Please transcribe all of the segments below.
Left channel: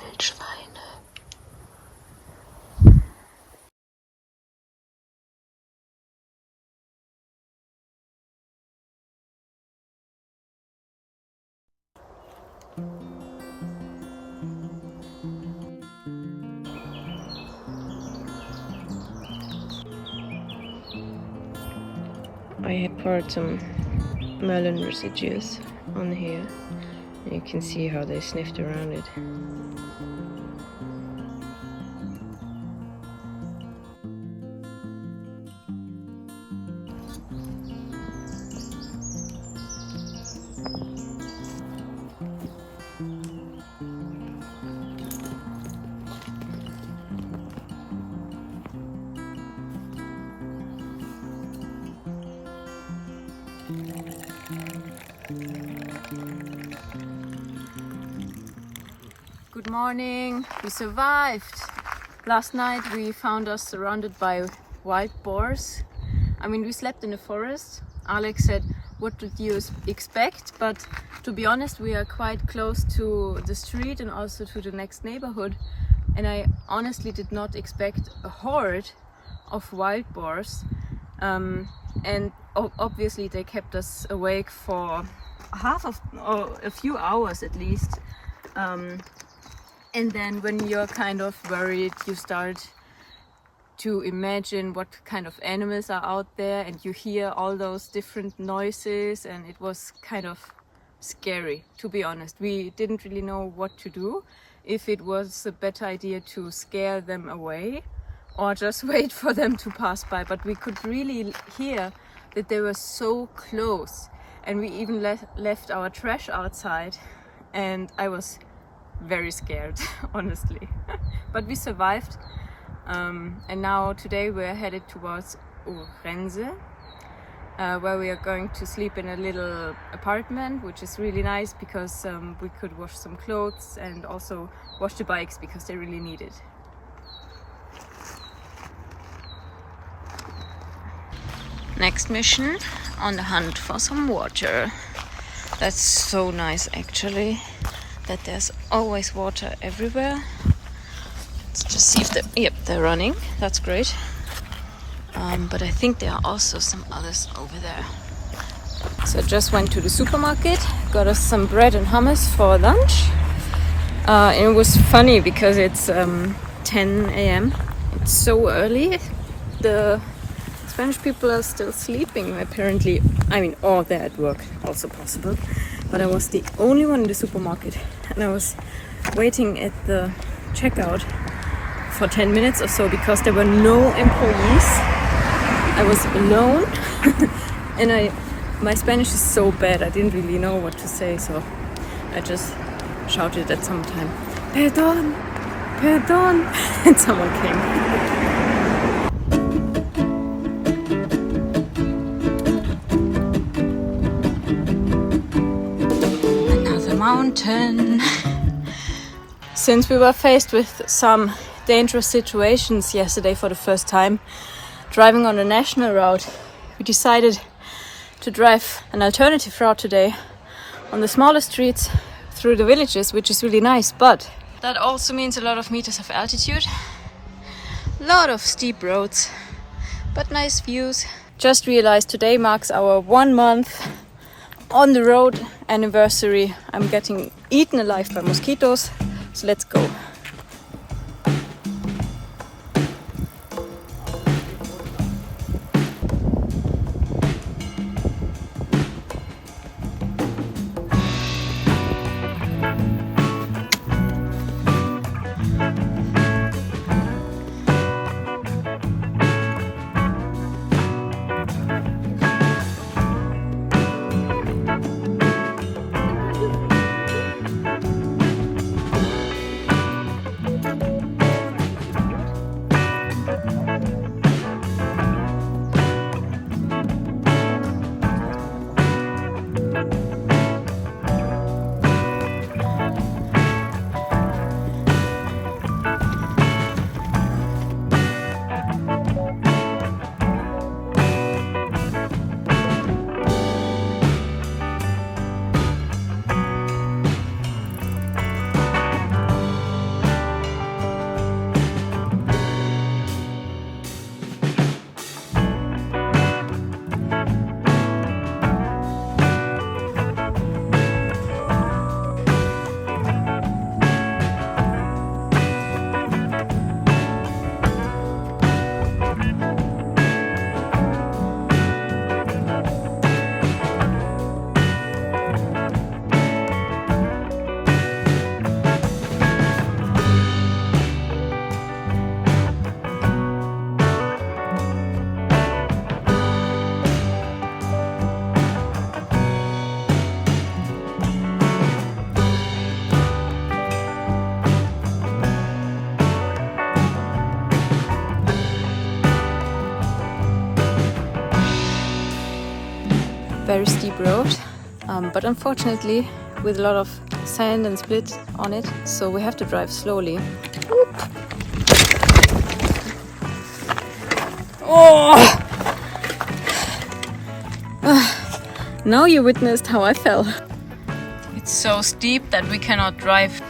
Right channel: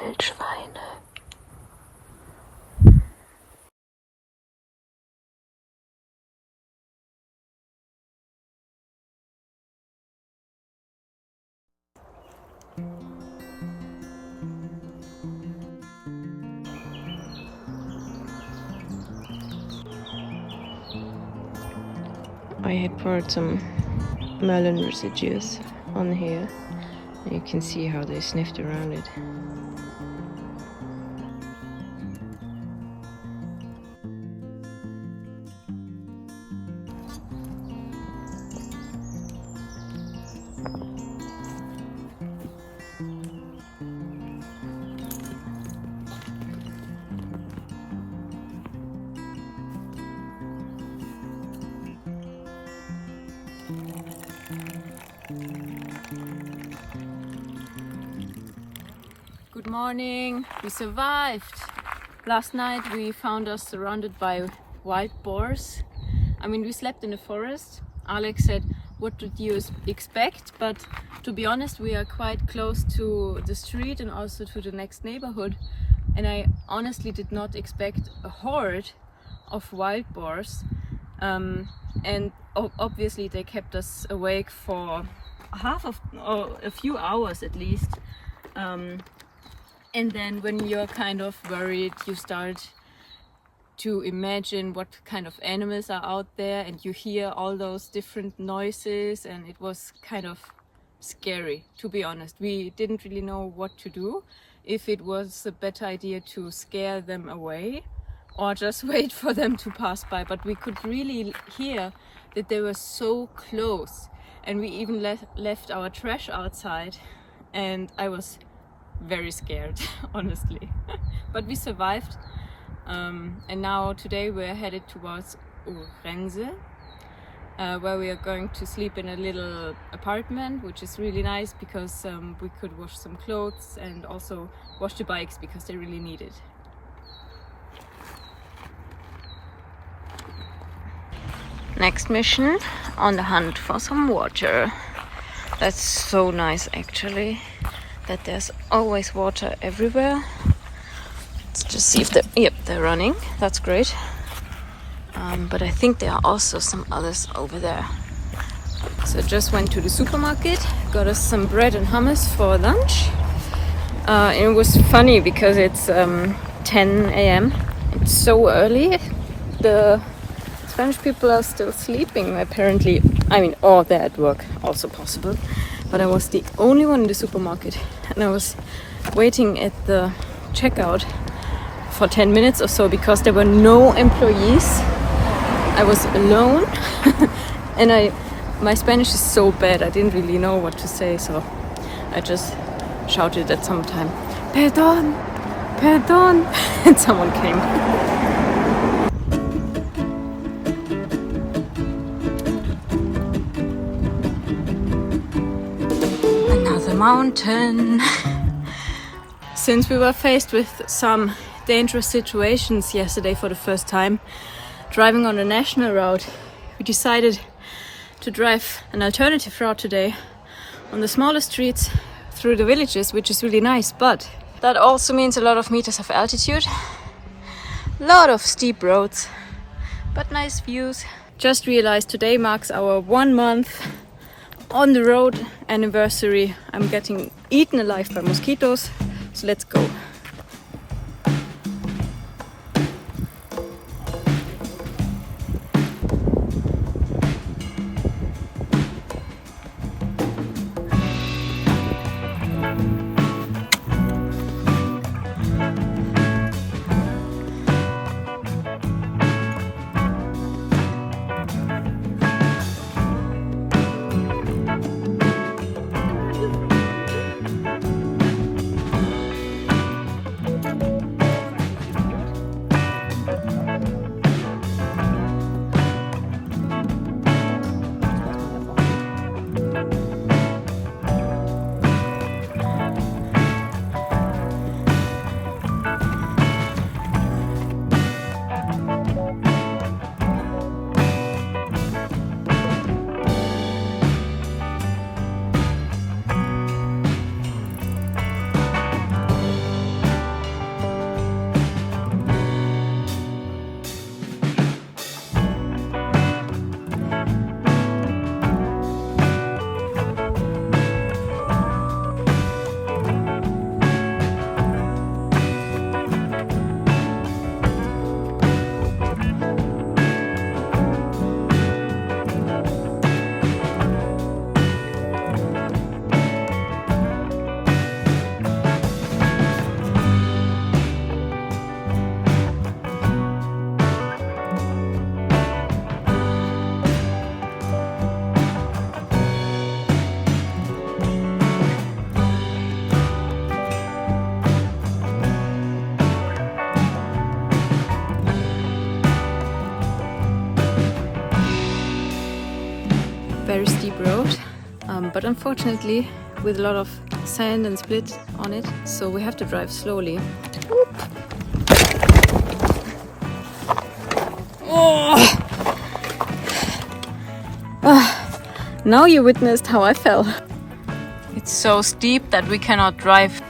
Wildschweine. I had poured some melon residues on here, and you can see how they sniffed around it. Good morning, we survived. Last night we found us surrounded by wild boars. I mean, we slept in the forest. Alex said, what did you expect? But to be honest, we are quite close to the street and also to the next neighborhood. And I honestly did not expect a horde of wild boars. And obviously they kept us awake for a few hours at least. And then when you're kind of worried, you start to imagine what kind of animals are out there, and you hear all those different noises, and it was kind of scary, to be honest. We didn't really know what to do, if it was a better idea to scare them away or just wait for them to pass by. But we could really hear that they were so close, and we even left our trash outside, and I was very scared, honestly. But we survived, and now today we're headed towards Orense, where we are going to sleep in a little apartment, which is really nice because we could wash some clothes and also wash the bikes because they really need it. Next mission, on the hunt for some water. That's so nice actually, that there's always water everywhere. Let's just see if they're running. That's great. But I think there are also some others over there. So I just went to the supermarket, got us some bread and hummus for lunch. And it was funny because it's 10 a.m. It's so early. The Spanish people are still sleeping apparently. I mean, or they're at work, also possible. But I was the only one in the supermarket, and I was waiting at the checkout for 10 minutes or so because there were no employees. I was alone and my Spanish is so bad, I didn't really know what to say, so I just shouted at some time, "Perdón, perdón," and someone came. Mountain. Since we were faced with some dangerous situations yesterday for the first time, driving on a national route, we decided to drive an alternative route today on the smaller streets through the villages, which is really nice, but that also means a lot of meters of altitude, a lot of steep roads, but nice views. Just realized today marks our 1 month on the road anniversary. I'm getting eaten alive by mosquitoes, so let's go. very steep road, but unfortunately with a lot of sand and split on it, so we have to drive slowly. Oh! Now you witnessed how I fell. It's so steep that we cannot drive.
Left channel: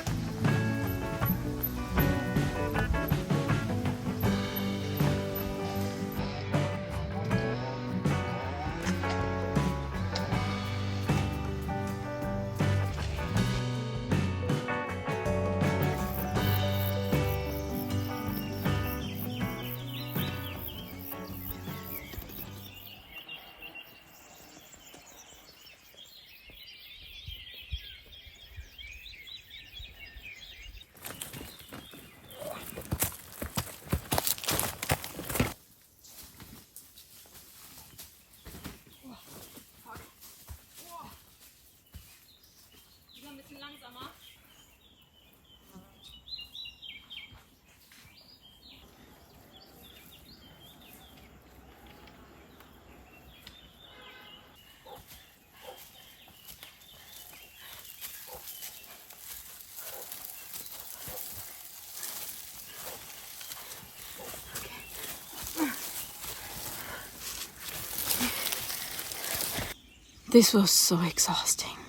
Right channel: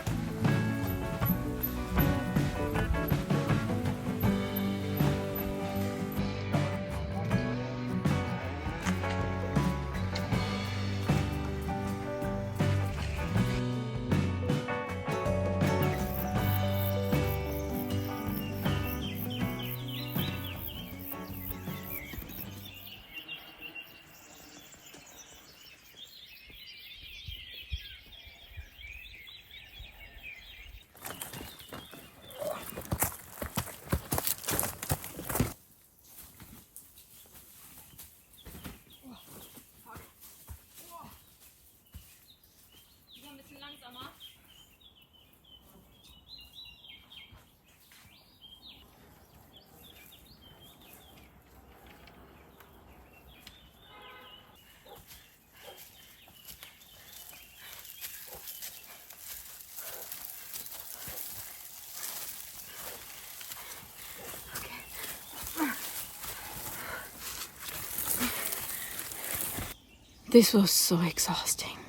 This was so exhausting.